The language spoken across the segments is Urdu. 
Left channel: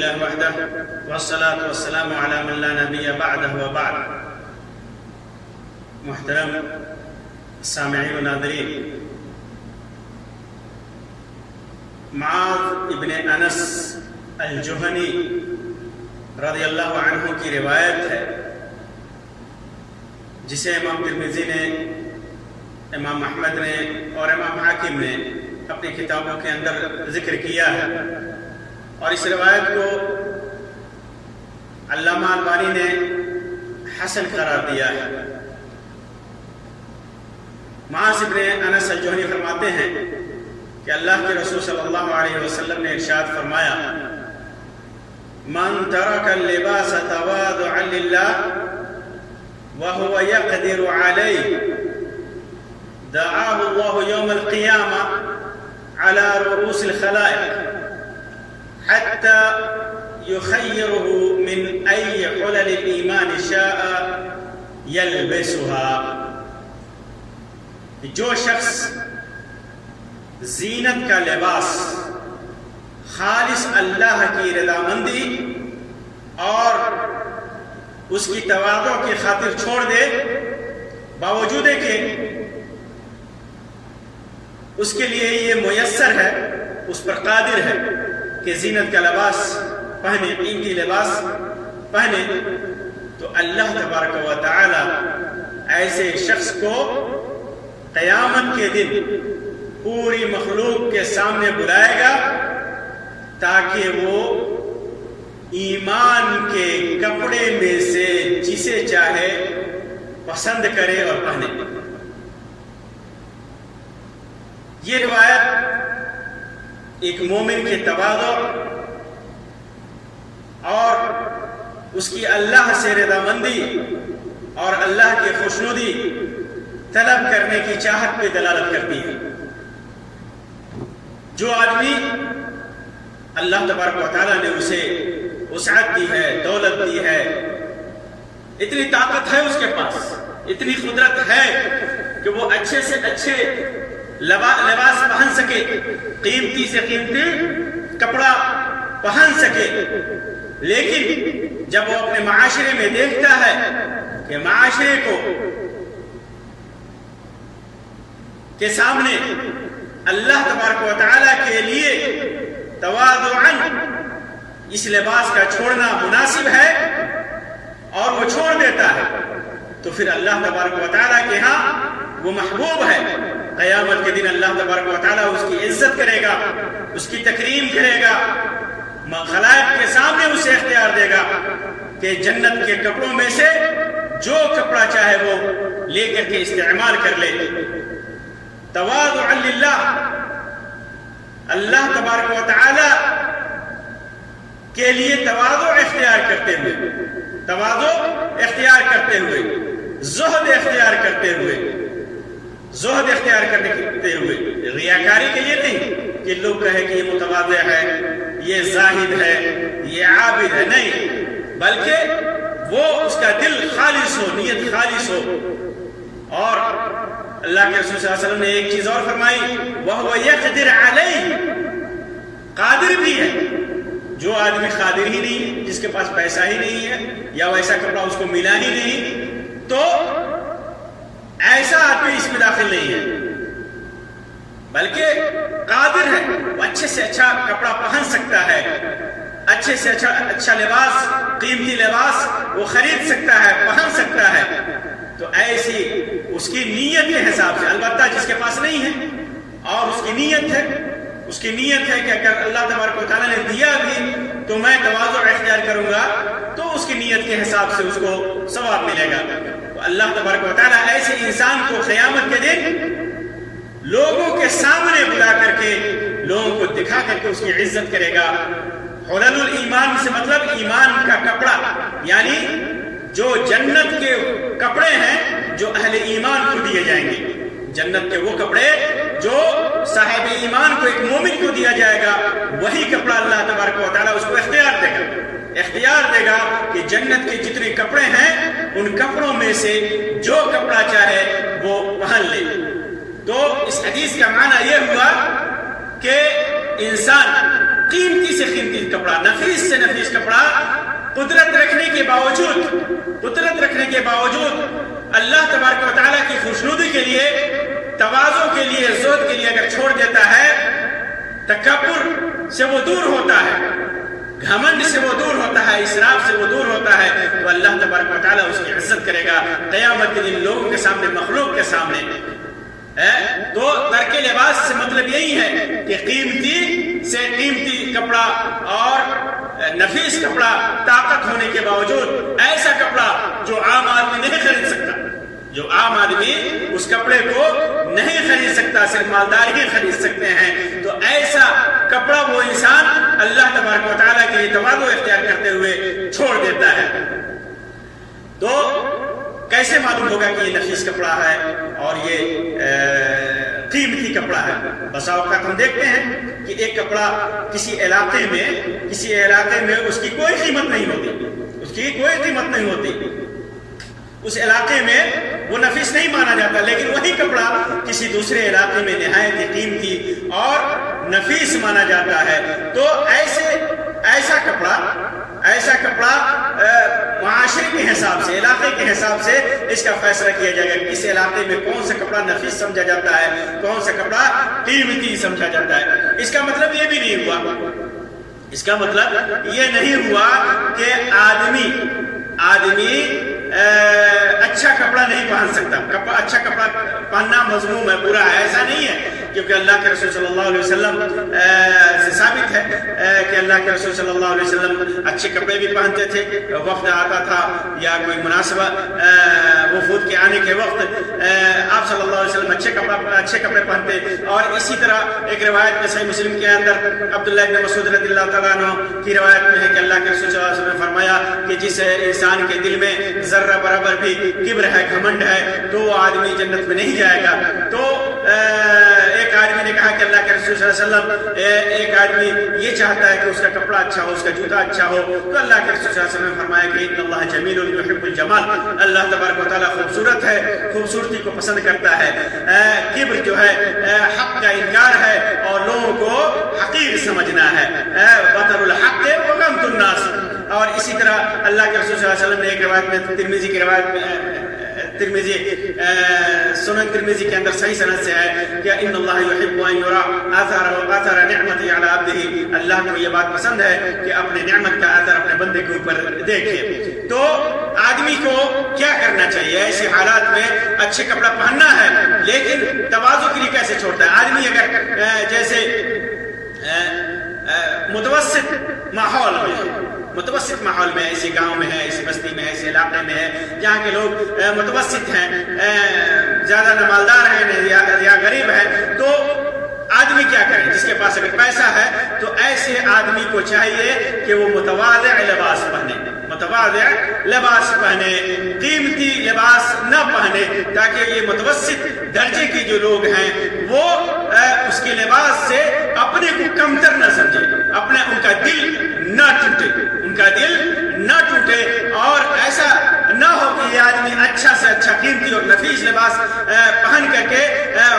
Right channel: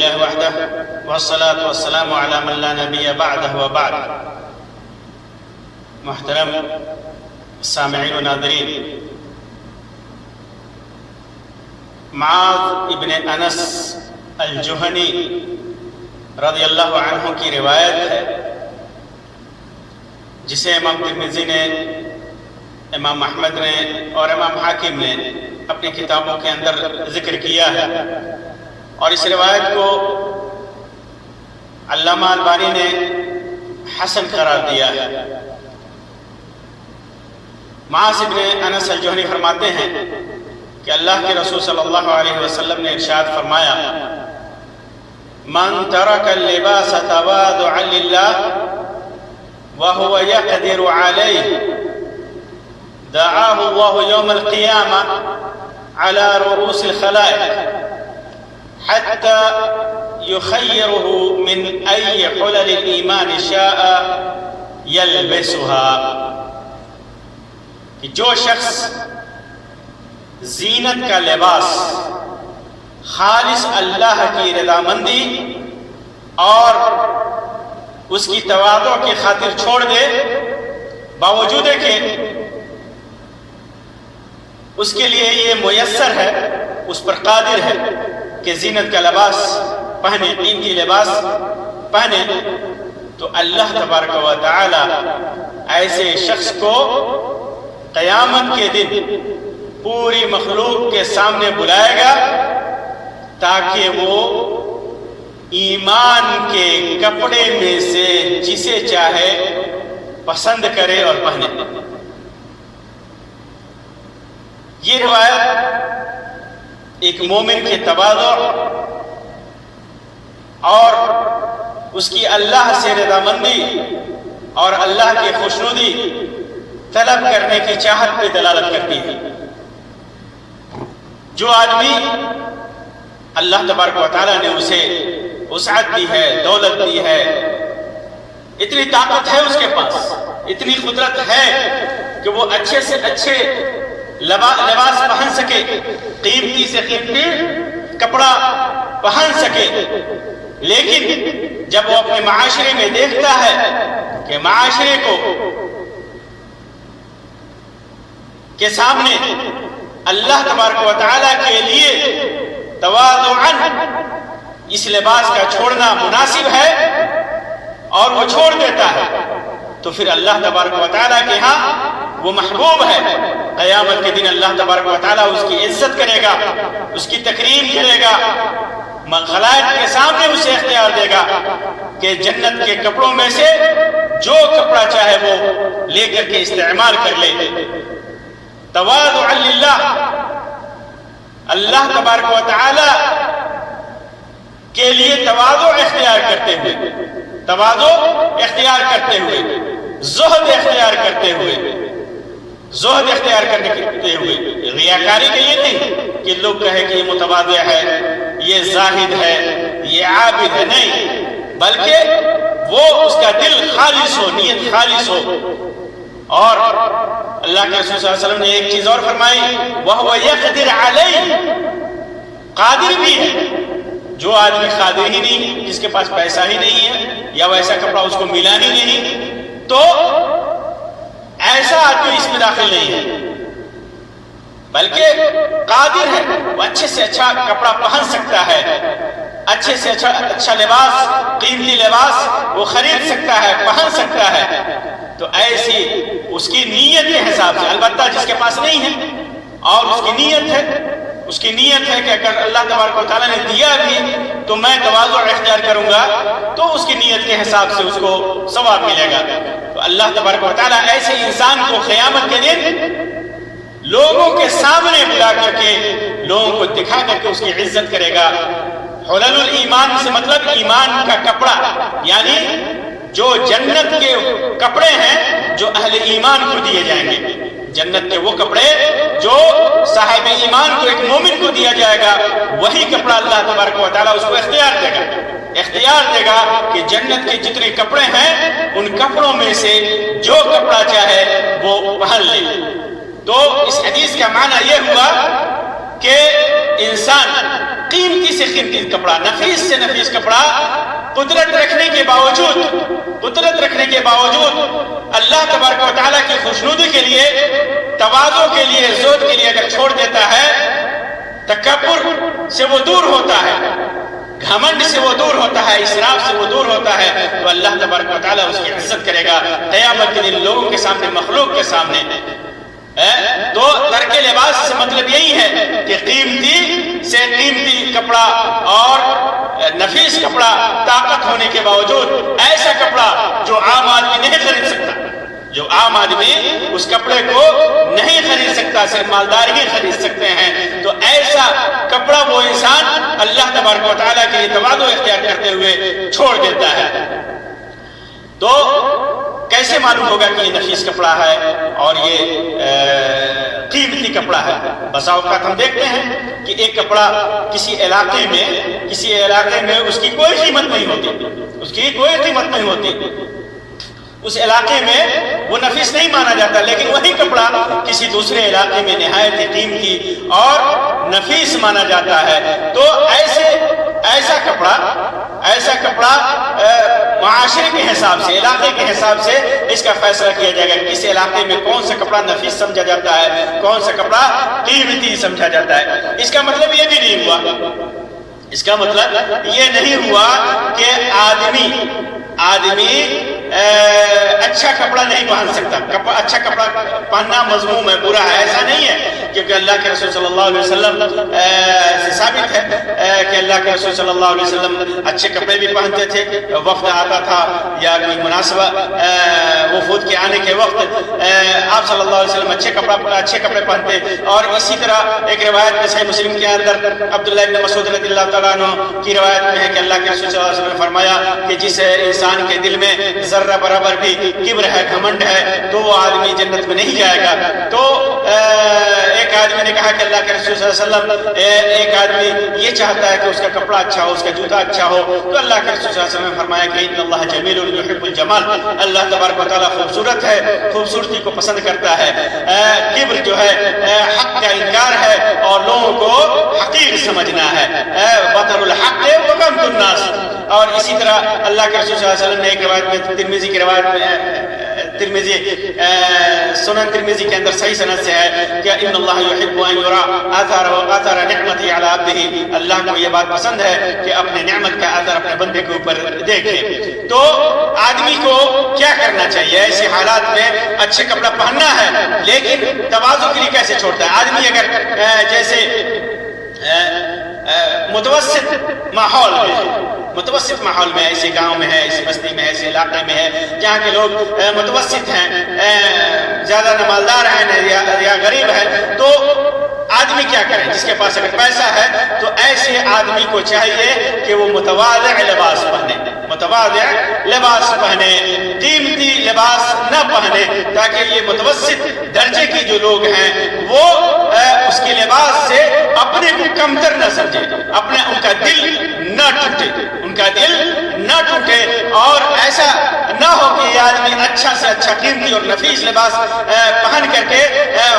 لله وحده والصلاة والسلام على من لا نبي بعده وبعد. محترم سامعین و ناظرین، معاذ ابن انس الجہنی رضی اللہ عنہ کی روایت ہے جسے امام ترمذی نے، امام احمد نے اور امام حاکم نے اپنی کتابوں کے اندر ذکر کیا ہے، اور اس روایت کو علامہ البانی نے حسن قرار دیا ہے. معاذ ابن انس الجہنی فرماتے ہیں کہ اللہ کے رسول صلی اللہ علیہ وسلم نے ارشاد فرمایا: من ترک اللباس تواضعا للہ وهو يقدر عليه دعاه الله يوم القيامة على رؤوس الخلائق حتى يخيره من أي حلل الإيمان شاء يلبسها. کہ جو شخص زینت کا لباس خالص اللہ کی رضامندی اور اس کی تواضع کی خاطر چھوڑ دے، باوجود کہ اس کے لیے یہ میسر ہے، اس پر قادر ہے کہ زینت کا لباس پہنے، قیمتی لباس پہنے، تو اللہ تبارک و تعالی ایسے شخص کو قیامت کے دن پوری مخلوق کے سامنے بلائے گا تاکہ وہ ایمان کے کپڑے میں سے جسے چاہے پسند کرے اور پہنے. یہ روایت ایک مومن کے تواضع اور اس کی اللہ سے رضامندی اور اللہ کی خوشنودی طلب کرنے کی چاہت پہ دلالت کرتی ہے. جو آدمی اللہ تبارک و تعالیٰ نے اسے وسعت دی ہے، دولت دی ہے، اتنی طاقت ہے اس کے پاس، اتنی قدرت ہے کہ وہ اچھے سے اچھے لباس پہن سکے، قیمتی سے قیمتی کپڑا پہن سکے، لیکن جب وہ اپنے معاشرے میں دیکھتا ہے کہ معاشرے کے سامنے اللہ تبارک و تعالیٰ کے لیے تواضعاً اس لباس کا چھوڑنا مناسب ہے اور وہ چھوڑ دیتا ہے، تو پھر اللہ تبارک و تعالیٰ کے ہاں وہ محبوب ہے. قیامت کے دن اللہ تبارک و تعالیٰ اس کی عزت کرے گا، اس کی تکریم کرے گا، خلائق کے سامنے اسے اختیار دے گا کہ جنت کے کپڑوں میں سے جو کپڑا چاہے وہ لے کر کے استعمال کر لے. تواضعا للہ، اللہ تبارک و تعالی کے لیے تواضع اختیار کرتے ہوئے، تواضع اختیار کرتے ہوئے، زہد اختیار کرتے ہوئے، زہد اختیار کرتے ہوئے، ریاکاری کے لیے نہیں کہ لوگ کہے کہ یہ متواضع ہے، یہ زاہد ہے، یہ عابد ہے، نہیں، بلکہ وہ اس کا دل خالص ہو، نیت خالص ہو. اور اللہ کے رسول صلی اللہ علیہ وسلم نے ایک چیز اور فرمائی: وَهُوَ يَقْدِرْ عَلَيْهِ، قادر بھی ہے. جو آدمی قادر ہی نہیں ہے، جس کے پاس پیسہ ہی نہیں ہے یا ویسا کپڑا اس کو ملا ہی نہیں، تو ایسا آدمی اس میں داخل نہیں ہے، بلکہ قادر ہے، وہ اچھے سے اچھا کپڑا پہن سکتا ہے، اچھے سے اچھا لباس، قیمتی لباس وہ خرید سکتا ہے، پہن سکتا ہے. تو ایسی اس کی نیت کے حساب سے، البتہ جس کے پاس نہیں ہے اور اس کی نیت ہے کہ اگر اللہ تبارک و تعالیٰ نے دیا بھی تو میں تواضع اختیار کروں گا، تو اس کی نیت کے حساب سے اس کو ثواب ملے گا. تو اللہ تبارک و تعالیٰ ایسے انسان کو قیامت کے دن لوگوں کے سامنے بلا کر کے، لوگوں کو دکھا کر کے اس کی عزت کرے گا. حلل الایمان سے مطلب ایمان کا کپڑا، یعنی جو جنت کے کپڑے ہیں جو اہل ایمان کو دیے جائیں گے. جنت کے وہ کپڑے جو صاحب ایمان کو، ایک مومن کو دیا جائے گا، وہی کپڑا اللہ تبارک و تعالیٰ اس کو اختیار دے گا کہ جنت کے جتنے کپڑے ہیں ان کپڑوں میں سے جو کپڑا چاہے وہ پہن لے. تو اس حدیث کا معنی یہ ہوا کہ انسان قیمتی سے قیمتی کپڑا، نفیس سے نفیس کپڑا، قدرت رکھنے کے باوجود اللہ تبارک و تعالیٰ کی خوشنودی کے لیے، تواضع کے لیے، زہد کے لیے اگر چھوڑ دیتا ہے، تکبر سے وہ دور ہوتا ہے، گھمنڈ سے وہ دور ہوتا ہے، اسراف سے وہ دور ہوتا ہے، تو اللہ تبارک و تعالیٰ اس کی عزت کرے گا قیامت کے دن لوگوں کے سامنے، مخلوق کے سامنے۔ تو ترک لباس سے مطلب یہی ہے کہ قیمتی سے قیمتی کپڑا اور نفیس کپڑا، طاقت ہونے کے باوجود ایسا کپڑا جو عام آدمی نہیں خرید سکتا، جو عام آدمی اس کپڑے کو نہیں خرید سکتا، صرف مالدار ہی خرید سکتے ہیں، تو ایسا کپڑا وہ انسان اللہ تبارک و تعالیٰ کے لیے تواضع اختیار کرتے ہوئے چھوڑ دیتا ہے۔ تو کیسے معلوم ہوگا کہ یہ نفیس کپڑا ہے اور یہ قیمتی کپڑا ہے؟ بسا اوقات ہم دیکھتے ہیں کہ ایک کپڑا کسی علاقے میں اس کی کوئی قیمت نہیں ہوتی، اس علاقے میں وہ نفیس نہیں مانا جاتا، لیکن وہی کپڑا کسی دوسرے علاقے میں نہایت ہی قیمتی اور نفیس مانا جاتا ہے۔ تو ایسا کپڑا معاشرے کے حساب سے، علاقے کے حساب سے اس کا فیصلہ کیا جائے گا کہ اس علاقے میں کون سا کپڑا نفیس سمجھا جاتا ہے، کون سا کپڑا قیمتی سمجھا جاتا ہے۔ اس کا مطلب یہ نہیں ہوا کہ آدمی اچھا کپڑا نہیں پہن سکتا، اچھا کپڑا پہننا مذموم ہے، برا ہے، ایسا نہیں ہے، کیونکہ اللہ کے رسول صلی اللہ علیہ وسلم سے ثابت ہے کہ اللہ کے رسول صلی اللہ علیہ وسلم اچھے کپڑے بھی پہنتے تھے، وفد آتا تھا یا کوئی مناسبہ وفود کے آنے کے وقت آپ صلی اللہ علیہ وسلم اچھے کپڑے پہنتے۔ اور اسی طرح ایک روایت میں صحیح مسلم کے اندر عبداللہ ابن مسعود رضی اللہ تعالیٰ عنہ کی روایت میں ہے کہ اللہ کے رسول صلی اللہ علیہ وسلم نے فرمایا کہ جس انسان کے دل میں ذرہ برابر بھی کبر ہے، گھمنڈ ہے، تو وہ آدمی جنت میں نہیں جائے گا۔ تو ایک آدمی نے کہا کہ اللہ کے رسول صلی اللہ علیہ وسلم، ایک آدمی یہ چاہتا ہے کہ اس کا کپڑا اچھا ہو، اس کا جوتا اچھا ہو، تو اللہ کے رسول صلی اللہ علیہ وسلم نے فرمایا کہ ان اللہ جمیل یحب الجمال، اللہ تبارک و تعالیٰ خوبصورت ہے، خوبصورتی کو پسند کرتا ہے۔ کبر جو ہے حق کا انکار ہے اور لوگوں کو حقیر سمجھنا ہے، بطر الحق وغمط الناس۔ اور اسی طرح اللہ کے رسول صلی اللہ علیہ وسلم نے ایک روایت میں، ترمذی کی روایت میں، سنن ترمذی کے اندر صحیح سند سے ہے کہ ان اللہ یحب ان یرا آثار نعمتہ علی عبدہ، اللہ کو یہ بات پسند ہے کہ اپنے نعمت کا اثر اپنے بندے کے اوپر دیکھے۔ تو آدمی کو کیا کرنا چاہیے ایسے حالات میں؟ اچھے کپڑا پہننا ہے، لیکن تواضع کے لیے کیسے چھوڑتا ہے آدمی؟ اگر جیسے متوسط ماحول میں، ایسے گاؤں میں ہے، ایسی بستی میں ہے، ایسے علاقے میں ہے جہاں کے لوگ متوسط ہیں، زیادہ نہ مالدار ہیں یا غریب ہیں، تو آدمی کیا کرے؟ جس کے پاس اگر پیسہ ہے تو ایسے آدمی کو چاہیے کہ وہ متواضع لباس پہنے، قیمتی لباس نہ پہنے، تاکہ یہ متوسط درجے کے جو لوگ ہیں وہ اس کے لباس سے اپنے کو کمتر نہ سمجھے، ان کا دل نہ ٹوٹے، اور ایسا نہ ہو کہ یہ آدمی اچھا سے اچھا قیمتی اور نفیس لباس پہن کر کے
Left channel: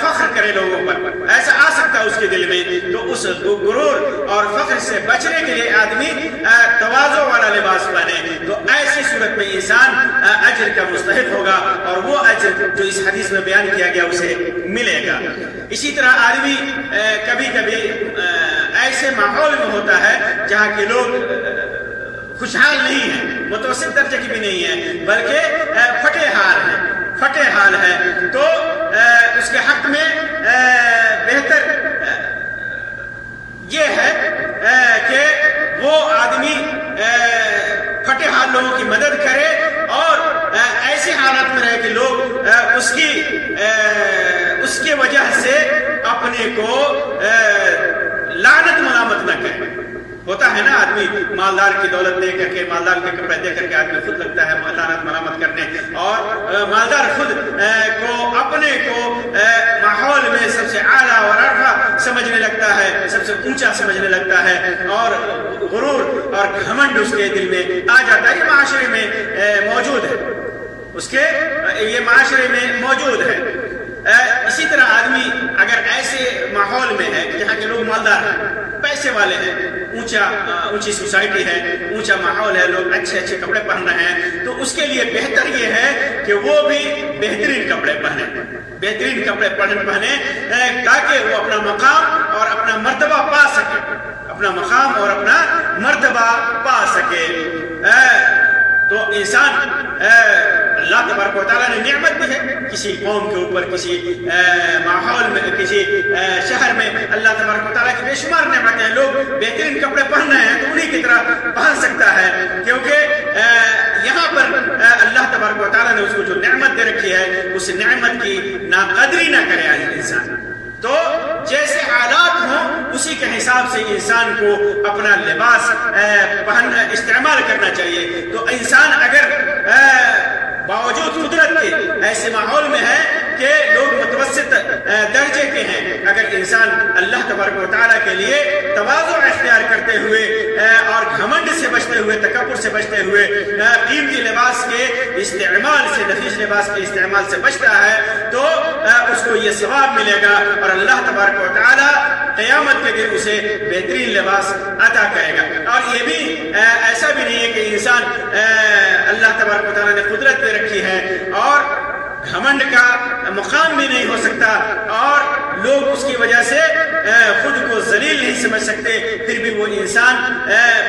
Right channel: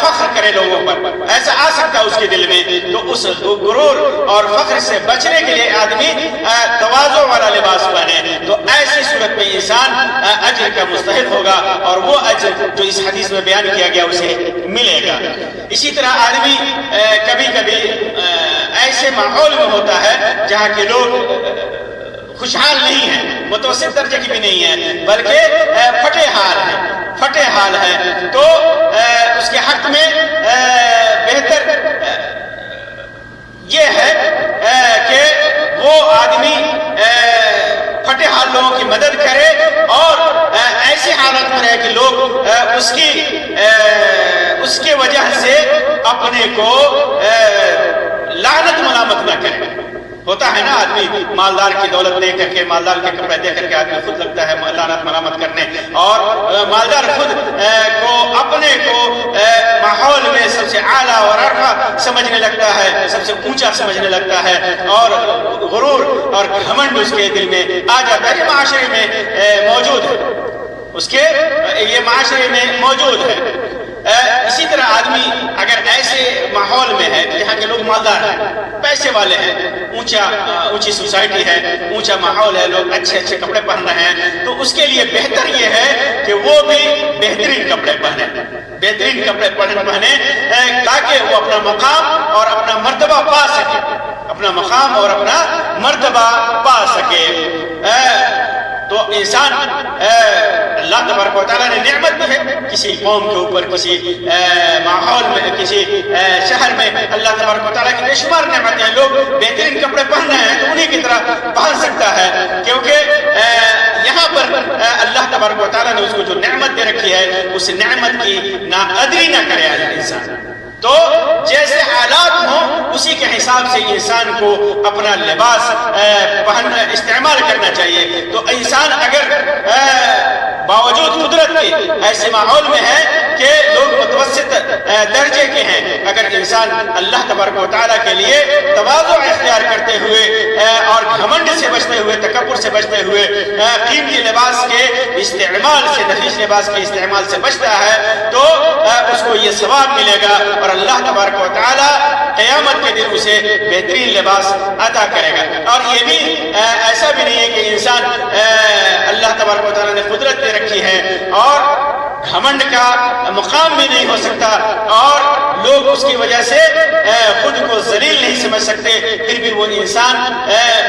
فخر کرے لوگوں پر، ایسا آ سکتا ہے اس کے دل میں۔ تو اس غرور اور فخر سے بچنے کے لیے آدمی تواضع والا لباس پہنے، تو ایسی صورت میں انسان اجر کا مستحق ہوگا، اور وہ اجر جو اس حدیث میں بیان کیا گیا اسے ملے گا۔ اسی طرح آدمی کبھی کبھی ایسے ماحول میں ہوتا ہے جہاں کے لوگ خوشحال نہیں ہیں، متوسط درجے کی بھی نہیں ہیں، بلکہ پھٹے حال ہیں، تو اس کے حق میں بہتر یہ ہے کہ وہ آدمی پھٹے حال لوگوں کی مدد کرے، اور ایسی حالت میں رہے کہ لوگ اس کے وجہ سے اپنے کو لعنت ملامت نہ کرے۔ ہوتا ہے نا آدمی مالدار کی دولت دے کر کے، مالدار کے کپڑے دے کر کے آدمی خود لگتا ہے لعنت ملامت کرنے، اور مالدار خود اپنے کو ماحول میں سب سے اعلیٰ اور ارفع سمجھنے لگتا ہے، سب سے اونچا سمجھنے لگتا ہے، اور غرور اور گھمنڈ اس کے دل میں آ جاتا ہے۔ یہ معاشرے میں موجود ہے۔ اسی طرح آدمی اگر ایسے ماحول میں ہے جہاں کے لوگ مالدار ہیں، پیسے والے ہیں، اونچی سوسائٹی ہے، اونچا ماحول ہے، لوگ اچھے اچھے کپڑے پہن رہے ہیں، تو اس کے لیے بہتر یہ ہے کہ وہ بھی بہترین کپڑے پہنے، بہترین کپڑے پہنے تاکہ وہ اپنا مقام اور اپنا مرتبہ پا سکے، اپنا مقام اور اپنا مرتبہ پا سکے۔ تو انسان اللہ تبارک و تعالیٰ نے نعمت دی ہے کسی قوم کے اوپر، کسی ماحول میں، کسی شہر میں، اللہ تبارک و تعالیٰ کی بے شمار نعمتیں ہیں، لوگ بہترین کپڑے پہن رہے ہیں تو انہی کی طرح پہن سکتا ہے، کیونکہ یہاں پر اللہ تبارک و تعالیٰ نے اس کو جو نعمت دے رکھی ہے اس نعمت کی ناقدری نہ کرے انسان۔ تو جیسے حالات ہوں اسی کے حساب سے انسان کو اپنا لباس استعمال کرنا چاہیے۔ تو انسان اگر باوجود قدرت کے ایسے ماحول میں ہے کہ لوگ متوسط درجے کے ہیں، اگر انسان اللہ تبارک و تعالیٰ کے لیے تواضع اختیار کرتے ہوئے اور گھمنڈ سے بچتے ہوئے، تکبر سے بچتے ہوئے، قیمتی لباس کے استعمال سے، نفیس لباس کے استعمال سے بچتا ہے تو اس کو یہ ثواب ملے گا، اور اللہ تبارک و تعالیٰ قیامت کے دن اسے بہترین لباس عطا کرے گا۔ اور یہ بھی ایسا بھی نہیں ہے کہ انسان اللہ تبارک و تعالیٰ نے قدرت دے رکھی ہے اور گھمنڈ کا مقام بھی نہیں ہو سکتا اور لوگ اس کی وجہ سے خود کو ذلیل نہیں سمجھ سکتے، پھر بھی وہ انسان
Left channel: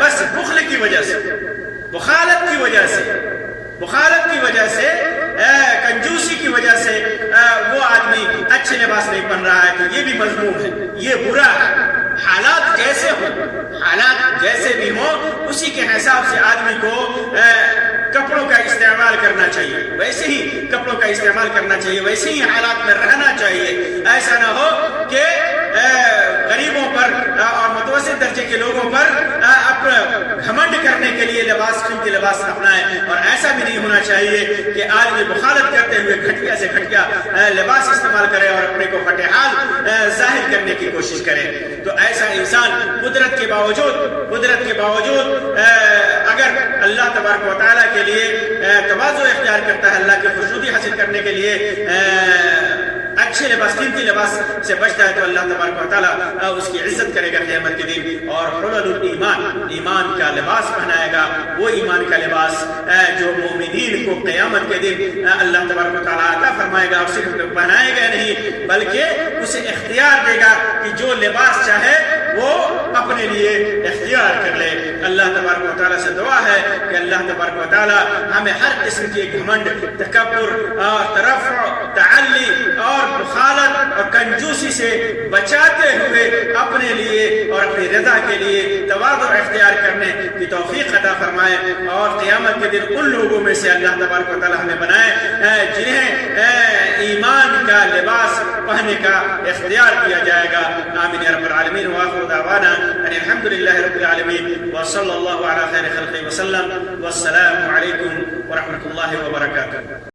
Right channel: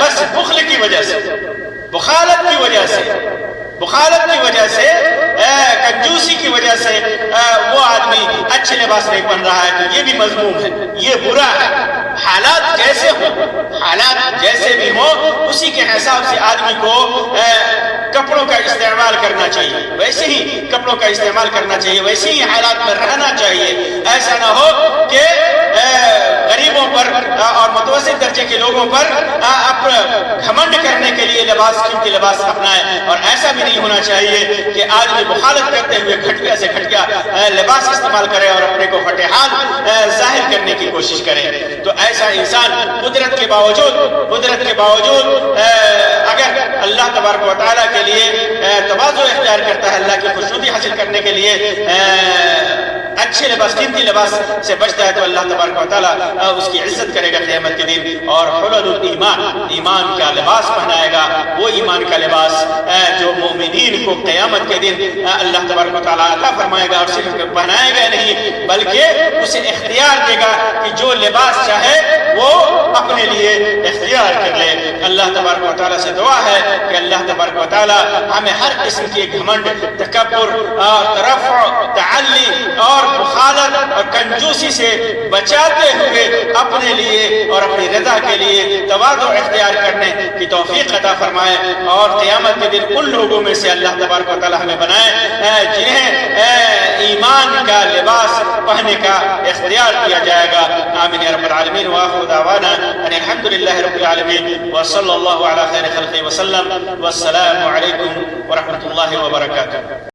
بس بخل کی وجہ سے، بخالت کی وجہ سے، کنجوسی کی وجہ سے وہ آدمی اچھے لباس نہیں پہن رہا ہے، تو یہ بھی مذموم ہے، یہ برا ہے۔ حالات جیسے ہوں، حالات جیسے بھی ہوں، اسی کے حساب سے آدمی کو کپڑوں کا استعمال کرنا چاہیے، ویسے ہی کپڑوں کا استعمال کرنا چاہیے، ویسے ہی حالات میں رہنا چاہیے۔ ایسا نہ ہو کہ غریبوں پر اور متوسط درجے کے لوگوں پر گھمنڈ کرنے کے لیے قیمتی لباس اپنائے، اور ایسا بھی نہیں ہونا چاہیے کہ آدمی بخالت کرتے ہوئے گھٹیا سے گھٹیا لباس استعمال کرے اور اپنے کو فتحال ظاہر کرنے کی کوشش کرے۔ تو ایسا انسان قدرت کے باوجود اگر اللہ تبارک و تعالیٰ کے لیے تواضع اختیار کرتا ہے، اللہ کی خوشنودی حاصل کرنے کے لیے اچھے لباس، قیمتی لباس سے بچتا ہے، تو اللہ تبارک و تعالیٰ اس کی عزت کرے گا قیامت کے دن، اور حلل الایمان، ایمان کا لباس پہنائے گا، وہ ایمان کا لباس جو مومنین کو قیامت کے دن اللہ تبارک و تعالیٰ عطا فرمائے گا، اور صرف پہنائے گا نہیں بلکہ اسے اختیار دے گا کہ جو لباس چاہے وہ اپنے لیے اختیار کر لے۔ اللہ تبارک و تعالیٰ سے دعا ہے کہ اللہ تبارک و تعالیٰ ہمیں ہر قسم کی گھمنڈ، تکبر اور ترفع، تعلی اور بخالت اور کنجوسی سے بچاتے ہوئے اپنے لیے اور اپنی رضا کے لیے تواضع اختیار کرنے کی توفیق عطا فرمائے، اور قیامت کے دن ان لوگوں میں سے اللہ تبارک و تعالیٰ ہمیں بنائے جنہیں ایمان کا لباس پہننے کا اختیار دیا جائے گا۔ آمین یا رب العالمین، وآخر دعوانا ان الحمد للہ رب العالمین، وصلی اللہ علی خیر خلقہ وسلم، والسلام علیکم ورحمۃ اللہ وبرکاتہ۔